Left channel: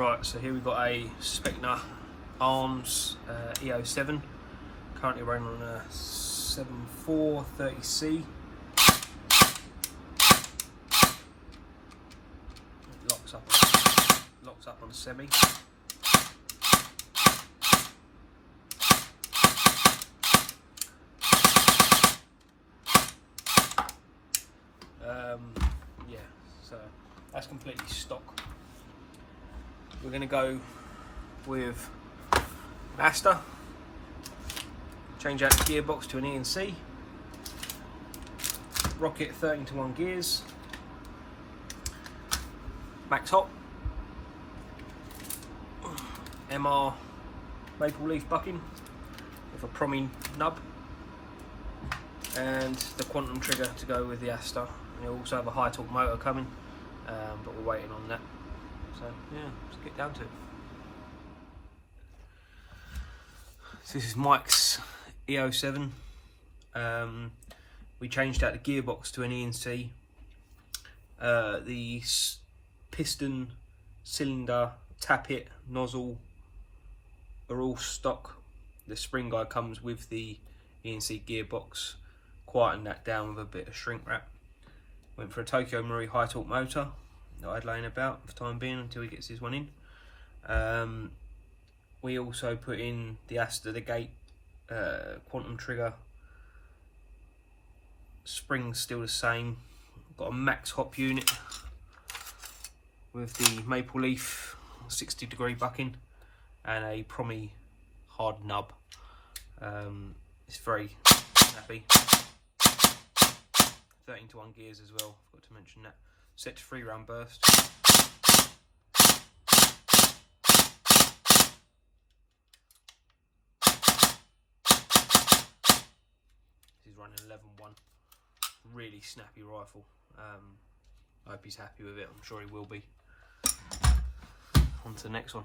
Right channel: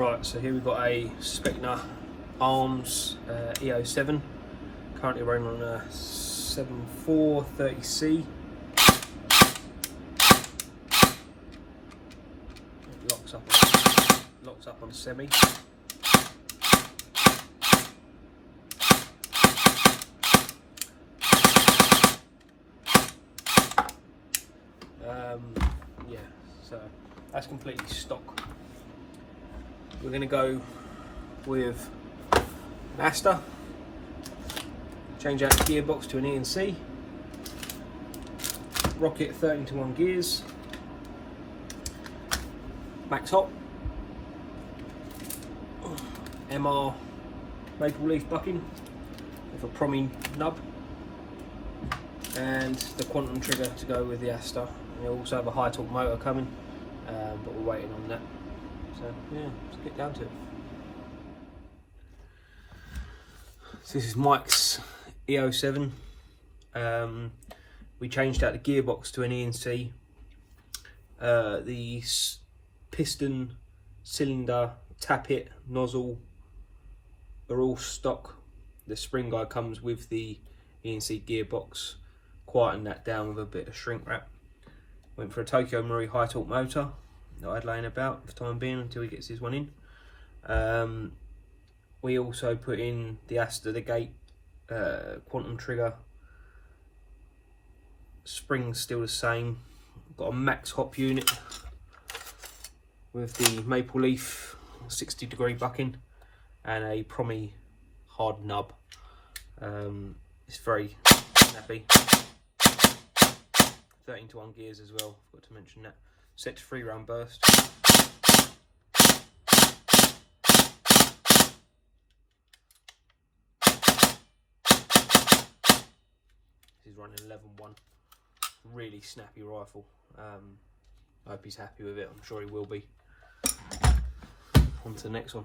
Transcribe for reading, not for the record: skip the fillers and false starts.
Right, so here we've got a Specna Arms E07. Currently running on a 7430C. It locks up on semi. Yeah, so that's completely stock. We're going to go with an aster, change out the gearbox to an E&C, rocket 13:1 gears, MRhop, MR maple leaf bucking with a Prometheus nub, and the quantum trigger to go with the aster. And you'll also have a high torque motor coming, but we're waiting on that. So yeah, let's get down to it. So this is Maxx E07. We changed out the gearbox to an E&C. The piston, cylinder, tappet, nozzle are all stock. The spring guide comes with the E&C gearbox. Quietened that down with a bit of shrink wrap. Went for a Tokyo Marui high torque motor that I'd laying about for the time being until he gets his one in. We also put in the aster, the gate, quantum trigger. Spring's still the same. Got a MRhop unit with the maple leaf 60-degree bucking and a Prometheus hard nub. It's very snappy. 13:1 gears as well, forgot to mention that. Set to 3-round burst. He's running 11:1. Really snappy rifle. I hope he's happy with it. I'm sure he will be. On to the next one.